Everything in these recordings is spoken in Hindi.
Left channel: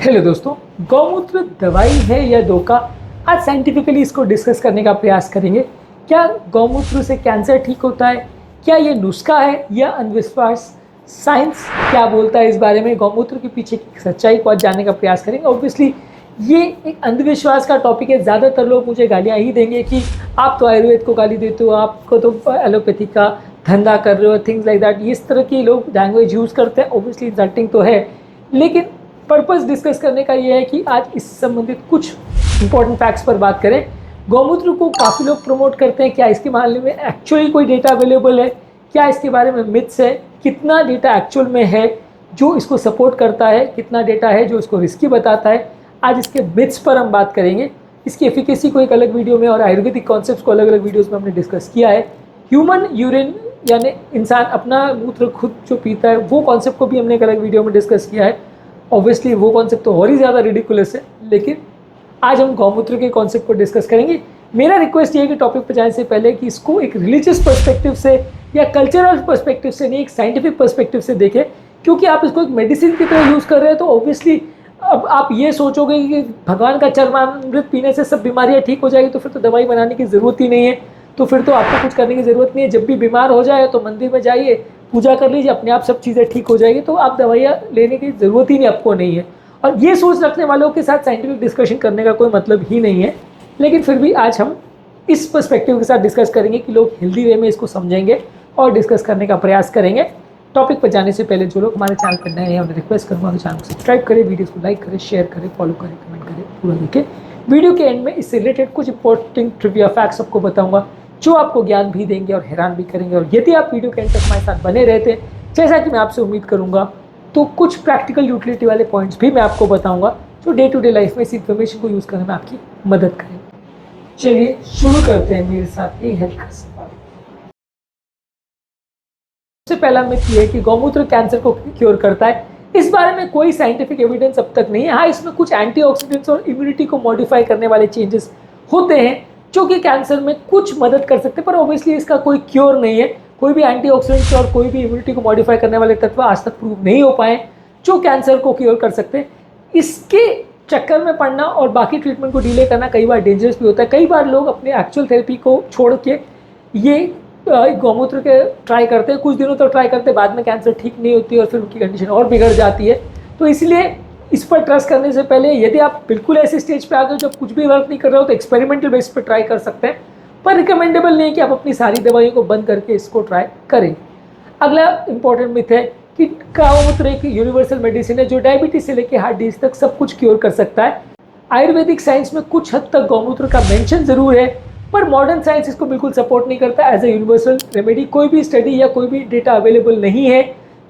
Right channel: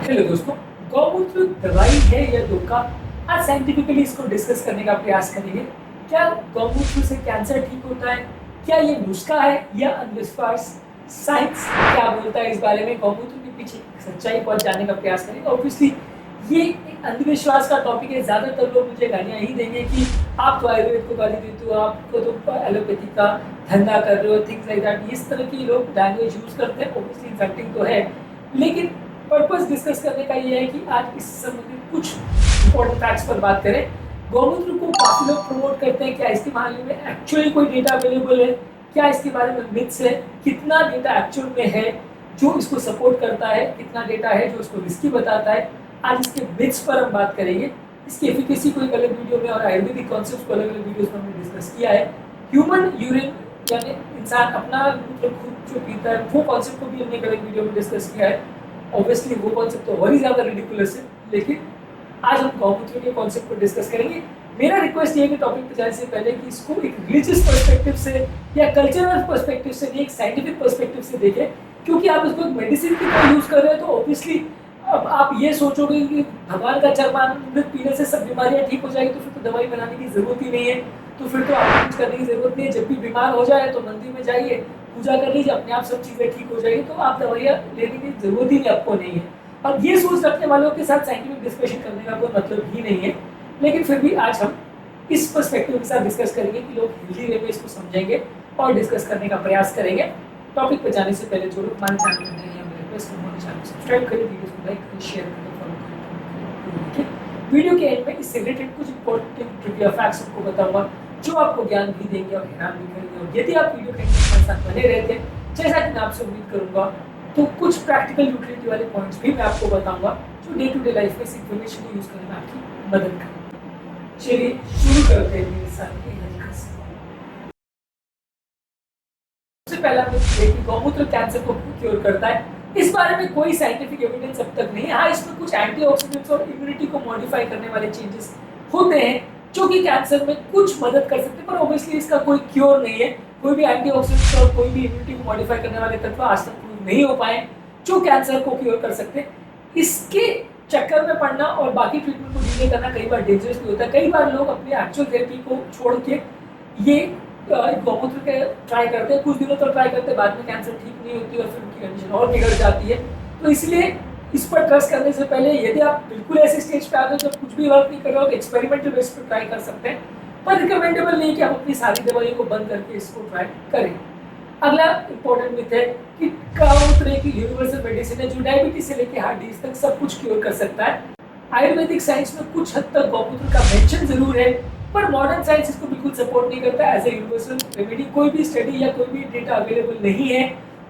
हेलो दोस्तों। गौमूत्र दवाई है या धोखा? आज साइंटिफिकली इसको डिस्कस करने का प्रयास करेंगे। क्या गौमूत्र से कैंसर ठीक होता है? क्या ये नुस्खा है या अंधविश्वास? साइंस क्या बोलता है इस बारे में? गौमूत्र के पीछे की सच्चाई को आज जानने का प्रयास करेंगे। ऑब्वियसली ये एक अंधविश्वास का टॉपिक है। ज़्यादातर लोग मुझे गालियाँ ही देंगे कि आप तो आयुर्वेद को गाली देते हो, आपको तो एलोपैथी का धंधा कर रहे हो, थिंग्स लाइक दैट। इस तरह की लोग लैंग्वेज यूज़ करते हैं। ऑब्वियसली इंसल्टिंग तो है, लेकिन पर्पस डिस्कस करने का ये है कि आज इस संबंधित कुछ इंपॉर्टेंट फैक्ट्स पर बात करें। गौमूत्र को काफ़ी लोग प्रमोट करते हैं। क्या इसके मामले में एक्चुअली कोई डेटा अवेलेबल है? क्या इसके बारे में मिथ्स है? कितना डेटा एक्चुअल में है जो इसको सपोर्ट करता है? कितना डेटा है जो इसको रिस्की बताता है? आज इसके मिथ्स पर हम बात करेंगे। इसकी एफिकेसी को एक अलग वीडियो में और आयुर्वेदिक कॉन्सेप्ट्स को अलग अलग वीडियोज़ में हमने डिस्कस किया है। ह्यूमन यूरिन यानी इंसान अपना मूत्र खुद जो पीता है, वो कॉन्सेप्ट को भी हमने एक अलग वीडियो में डिस्कस किया है। ऑब्वियसली वो कॉन्सेप्ट तो और ही ज़्यादा रिडिकुलस है, लेकिन आज हम गौमूत्र के कॉन्सेप्ट को डिस्कस करेंगे। मेरा रिक्वेस्ट ये है कि टॉपिक पर जाने से पहले कि इसको एक रिलीजियस पर्सपेक्टिव से या कल्चरल पर्सपेक्टिव से नहीं, एक साइंटिफिक पर्सपेक्टिव से देखें। क्योंकि आप इसको एक मेडिसिन की तरह यूज़ कर रहे हैं तो ऑब्वियसली अब आप ये सोचोगे कि भगवान का चरणामृत पीने से सब बीमारियां ठीक हो जाएगी, तो फिर तो दवाई बनाने की ज़रूरत ही नहीं है। तो फिर तो आपको कुछ करने की ज़रूरत नहीं है। जब भी बीमार हो जाए तो मंदिर में जाइए, पूजा कर लीजिए, अपने आप सब चीज़ें ठीक हो जाएगी। तो आप दवाइयाँ लेने की ज़रूरत ही नहीं, आपको नहीं है। और ये सोच रखने वालों के साथ साइंटिफिक डिस्कशन करने का कोई मतलब ही नहीं है। लेकिन फिर भी आज हम इस पर्सपेक्टिव के साथ डिस्कस करेंगे कि लोग हेल्दी वे में इसको समझेंगे और डिस्कस करने का प्रयास करेंगे। टॉपिक पर जाने से पहले जो लोग हमारे चैनल पर नए हैं उन्हें रिक्वेस्ट करूँगा कि चैनल को सब्सक्राइब करें, वीडियोस को लाइक करें, शेयर करें, फॉलो करें, कमेंट करें, पूरा देखें। वीडियो के एंड में इससे रिलेटेड कुछ इंपॉर्टेंट ट्रिविया फैक्ट्स आपको बताऊंगा जो आपको ज्ञान भी देंगे और हैरान भी करेंगे। और यदि आप वीडियो के एंड तक हमारे साथ बने रहते हैं, जैसा कि मैं आपसे उम्मीद करूंगा, तो कुछ प्रैक्टिकल यूटिलिटी वाले पॉइंट्स भी मैं आपको बताऊंगा जो डे टू डे लाइफ में इस इन्फॉर्मेशन को यूज़ करने में आपकी मदद करें। चलिए शुरू करते हैं मेरे साथ ये हेल्थ का सवाल। सबसे पहला मिथ ये है कि गौमूत्र कैंसर को क्योर करता है। इस बारे में कोई साइंटिफिक एविडेंस अब तक नहीं है। हाँ, इसमें कुछ एंटीऑक्सीडेंट्स और इम्यूनिटी को मॉडिफाई करने वाले चेंजेस होते हैं जो कि कैंसर में कुछ मदद कर सकते हैं, पर ऑब्वियसली इसका कोई क्योर नहीं है। कोई भी एंटीऑक्सीडेंट्स और कोई भी इम्यूनिटी को मॉडिफाई करने वाले तत्व आज तक प्रूव नहीं हो पाए जो कैंसर को क्योर कर सकते हैं। इसके चक्कर में पड़ना और बाकी ट्रीटमेंट को डिले करना कई बार डेंजरस भी होता है। कई बार लोग अपने एक्चुअल थेरेपी को छोड़ के ये गौमूत्र के ट्राई करते हैं, कुछ दिनों तक ट्राई करते हैं, बाद में कैंसर ठीक नहीं होती और फिर उनकी कंडीशन और बिगड़ जाती है। तो इसलिए इस पर ट्रस्ट करने से पहले यदि आप बिल्कुल ऐसे स्टेज पे आ गए जब कुछ भी वर्क नहीं कर रहे हो तो एक्सपेरिमेंटल बेस पर ट्राई कर सकते हैं, पर रिकमेंडेबल नहीं कि आप अपनी सारी दवाइयों को बंद करके इसको ट्राई करें। अगला इंपॉर्टेंट मिथ है कि गौमूत्र एक यूनिवर्सल मेडिसिन है जो डायबिटीज से लेकर हार्ट डिजीज तक सब कुछ क्योर कर सकता है। आयुर्वेदिक साइंस में कुछ हद तक गौमूत्र का मेंशन जरूर है, पर मॉडर्न साइंस इसको बिल्कुल सपोर्ट नहीं करता एज ए यूनिवर्सल रेमेडी। कोई भी स्टडी या कोई भी डेटा अवेलेबल नहीं है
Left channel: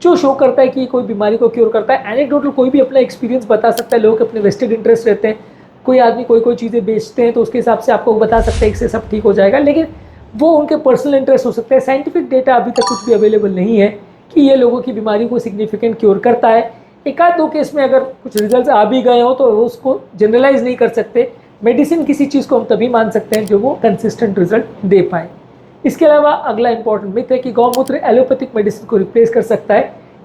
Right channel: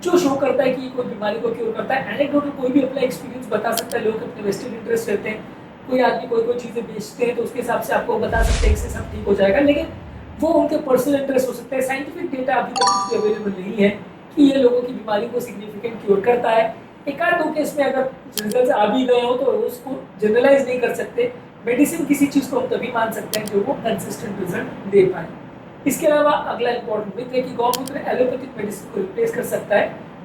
जो शो करता है कि कोई बीमारी को क्योर करता है। एनेक्डोटल कोई भी अपना एक्सपीरियंस बता सकता है, लोग अपने वेस्टेड इंटरेस्ट रहते हैं। कोई आदमी कोई चीज़ें बेचते हैं तो उसके हिसाब से आपको बता सकते हैं इससे सब ठीक हो जाएगा, लेकिन वो उनके पर्सनल इंटरेस्ट हो सकते हैं। साइंटिफिक डेटा अभी तक कुछ भी अवेलेबल नहीं है कि ये लोगों की बीमारी को सिग्निफिकेंट क्योर करता है। एक आध दो केस में अगर कुछ रिजल्ट आ भी गए हो तो उसको जनरलाइज नहीं कर सकते। मेडिसिन किसी चीज़ को हम तभी मान सकते हैं जो वो कंसिस्टेंट रिजल्ट दे पाए। इसके अलावा अगला इंपॉर्टेंट मिथ है कि गौमूत्र एलोपैथिक मेडिसिन को रिप्लेस कर सकता है।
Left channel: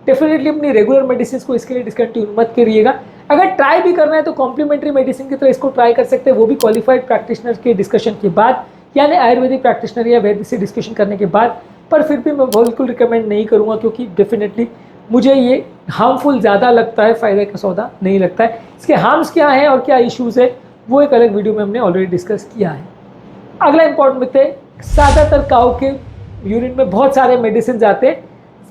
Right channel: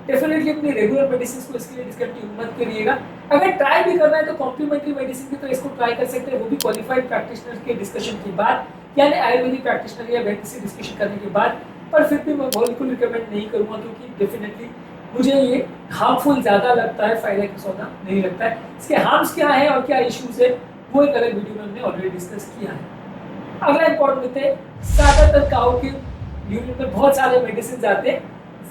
डेफिनेटली अपनी रेगुलर मेडिसिन को इसके लिए डिसकंटिन्यू मत करिएगा। अगर ट्राई भी करना है तो कॉम्प्लीमेंट्री मेडिसिन की तरह इसको ट्राई कर सकते हैं, वो भी क्वालिफाइड प्रैक्टिशनर के डिस्कशन के बाद, यानी आयुर्वेदिक प्रैक्टिशनर या वैद्य से डिस्कशन करने के बाद। पर फिर भी मैं बिल्कुल रिकमेंड नहीं करूँगा क्योंकि डेफिनेटली मुझे ये हार्मफुल ज़्यादा लगता है, फ़ायदे का सौदा नहीं लगता है। इसके हार्म्स क्या हैं और क्या इश्यूज़ है वो एक अलग वीडियो में हमने ऑलरेडी डिस्कस किया है। अगला इंपॉर्टेंट मिथ है, ज़्यादातर काऊ के यूरिन में बहुत सारे मेडिसिन आते हैं।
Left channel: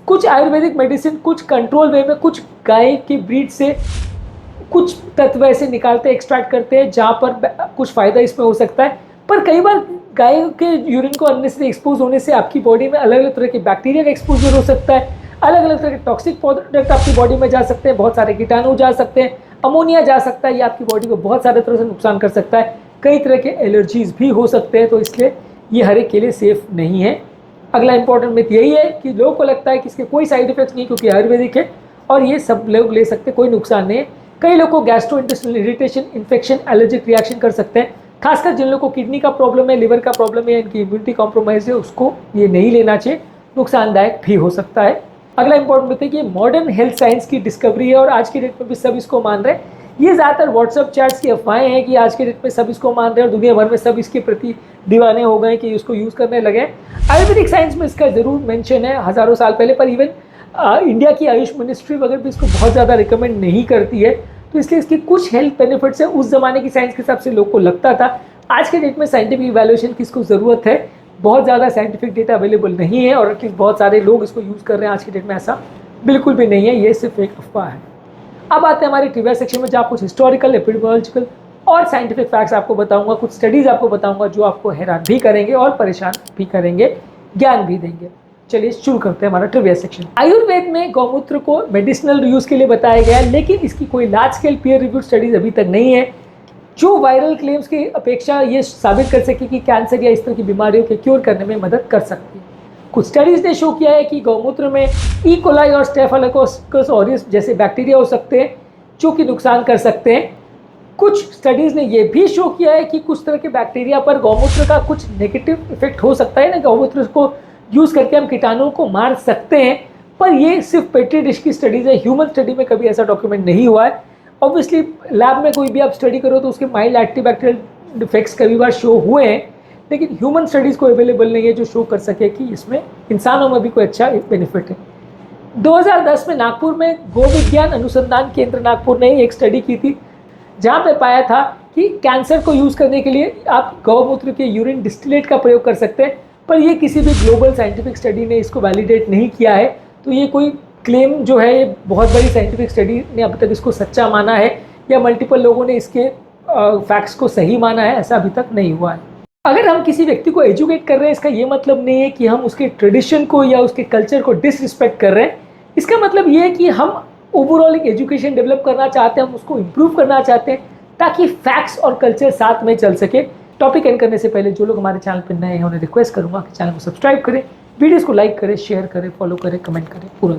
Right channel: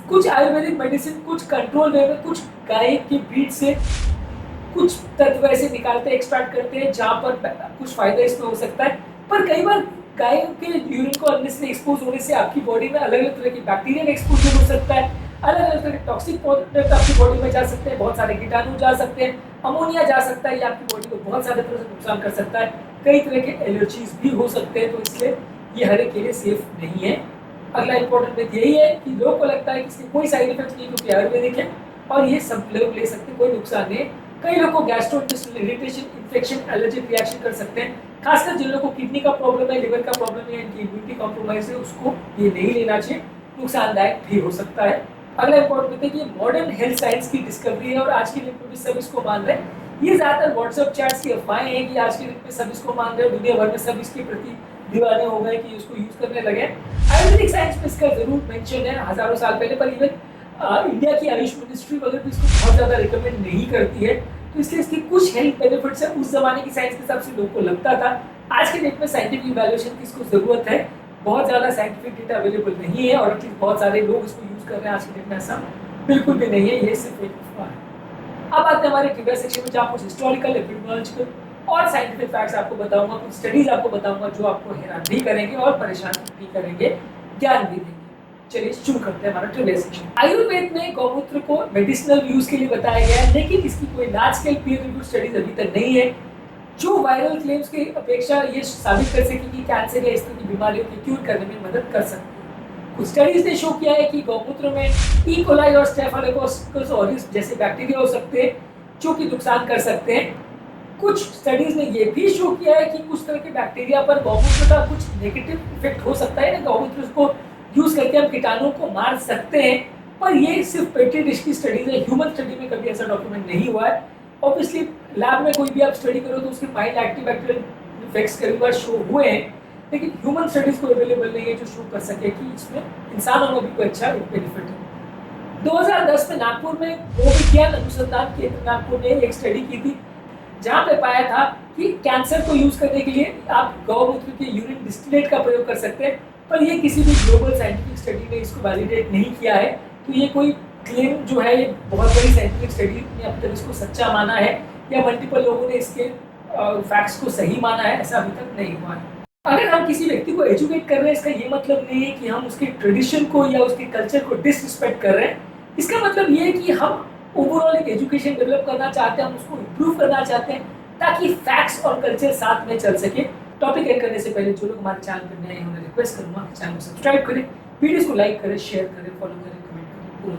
कुछ आयुर्वेदिक मेडिसिन कुछ कंट्रोल वे में कुछ गाय की ब्रीड से कुछ तत्व ऐसे निकालते हैं, एक्सट्रैक्ट करते हैं जहाँ पर कुछ फ़ायदा इसमें हो सकता है। पर कई बार गाय के यूरिन को अननेसेसरी एक्सपोज होने से आपकी बॉडी में अलग अलग तरह के बैक्टीरिया का एक्सपोजर हो सकता है, अलग अलग तरह के टॉक्सिक प्रोडक्ट आपकी बॉडी में जा सकते हैं, बहुत सारे कीटाणु जा सकते हैं, अमोनिया जा सकता है। ये आपकी बॉडी को बहुत सारे तरह से नुकसान कर सकता है, कई तरह के एलर्जीज भी हो सकते हैं। तो इसलिए ये हर एक के लिए सेफ नहीं है। अगला इंपॉर्टेंट मिथ यही है कि लोगों को लगता है कि इसके कोई साइड इफेक्ट्स नहीं क्योंकि आयुर्वेदिक है और ये सब लोग ले सकते, कोई नुकसान नहीं है। कई लोग को gastrointestinal irritation, infection, allergic reaction कर सकते हैं। खासकर जिन लोगों को किडनी का प्रॉब्लम है, लिवर का प्रॉब्लम है, इनकी इम्यूनिटी कॉम्प्रोमाइज है, उसको ये नहीं लेना चाहिए, नुकसानदायक भी हो सकता है। अगला इंपॉर्टेंट मिथ है कि मॉडर्न हेल्थ साइंस की डिस्कवरी है और आज की डेट में भी सब इसको मान रहे हैं। ये ज़्यादातर व्हाट्सअप चैट्स की अफवाहें हैं कि आज के डेट में सब इसको मान रहे हैं और दुनिया भर में सब इसके प्रति दीवाने हो गए कि इसको यूज़ करने लगे। आयुर्वेदिक साइंस में इसका ज़रूर मेंशन है हज़ारों साल पहले, पर इवन इंडिया की आयुष मिनिस्ट्री वगैरह भी इसको बहुत ज़्यादा रिकमेंड नहीं करती है। तो इसलिए इसके कुछ हेल्थ बेनिफिट्स है, उस ज़माने की साइंस के हिसाब से लोग को लगता था। आज के डेट में साइंटिफिक इवैल्यूएशन की इसको ज़रूरत है, बहुत ज़्यादा साइंटिफिक डेटा अवेलेबल नहीं है और एटलीस्ट बहुत सारे लोग इसको यूज़ कर रहे हैं। आज के डेट में ऐसा बिल्कुल भी नहीं है, ये सिर्फ एक अफवाह है। अब आते हैं हमारे ट्रिविया सेक्शन में, जहाँ कुछ हिस्टोरिकल, एपिडेमियोलॉजिकल और साइंटिफिक फैक्ट्स आपको बताऊंगा, कुछ स्टडीज आपको बताऊंगा जो आपको हैरान भी करेंगे और परेशान भी करेंगे, ज्ञान भी देंगे। चलिए शुरू करते हैं हमारा ट्रिविया सेक्शन। आयुर्वेद में गौमूत्र को मेडिसिनल यूज के लिए बताया गया है, लेकिन इसकी कोई large scale peer reviewed studies अभी तक नहीं है जो वायरल क्लेम्स की अपेक्षा ये साबित कर सके कि कैंसर या इस तरह की बीमारियों के क्योर करने में मदद कर सकती है। कुछ स्टडीज ने शो किया है कि गौमूत्र में ई कोलाई और स्टेफिलोकोकस ऑरियस जैसे बैक्टीरिया हो सकते हैं जो कि नुकसान कर सकते हैं। कुछ स्टडीज ने यह भी शो किया है कि कुछ तरह के बैक्टीरिया पर गौमूत्र का कुछ नेगेटिव इफेक्ट हो सकता है ना, गौमूत्र को यूज करके हम कीटाणुओं को मार सकते हैं, पर ये सिर्फ पेट्री डिश की स्टडीज है, ह्यूमन स्टडी में कभी ऐसा डॉक्यूमेंट नहीं हुआ है। ऑब्वियसली लैब में कोई भी आप स्टडी करो तो उसके माइल्ड एंटीबैक्टीरियल इफेक्ट्स कभी बार शो हुए हैं, लेकिन ह्यूमन स्टडीज को अवेलेबल नहीं है जो शो कर सके कि इसमें इंसानों में भी कोई अच्छा बेनिफिट है। 2010 में नागपुर में गो विज्ञान अनुसंधान केंद्र नागपुर ने एक स्टडी की थी जहां पे पाया था कि कैंसर को यूज करने के लिए आप गौमूत्र के यूरिन डिस्टिलेट का प्रयोग कर सकते हैं, पर ये किसी भी ग्लोबल साइंटिफिक स्टडी ने इसको वैलिडेट नहीं किया है। तो ये कोई क्लेम जो है ये बहुत बड़ी साइंटिफिक स्टडी ने अभी तक इसको सच्चा माना है या मल्टीपल लोगों ने इसके फैक्ट्स को सही माना है, ऐसा अभी तक नहीं हुआ है। अगर हम किसी व्यक्ति को एजुकेट कर रहे हैं, इसका ये मतलब नहीं है कि हम उसके ट्रेडिशन को या उसके कल्चर को डिसरिस्पेक्ट कर रहे हैं। इसका मतलब ये है कि हम ओवरऑल एक एजुकेशन डेवलप करना चाहते हैं, हम उसको इम्प्रूव करना चाहते हैं ताकि फैक्ट्स और कल्चर साथ में चल सके। टॉपिक एंड करने से पहले जो लोग हमारे चैनल पर नए हैं उन्हें रिक्वेस्ट करूंगा कि चैनल को सब्सक्राइब करें, वीडियोस को लाइक करें, शेयर करें, फॉलो करें, कमेंट करें, पूरा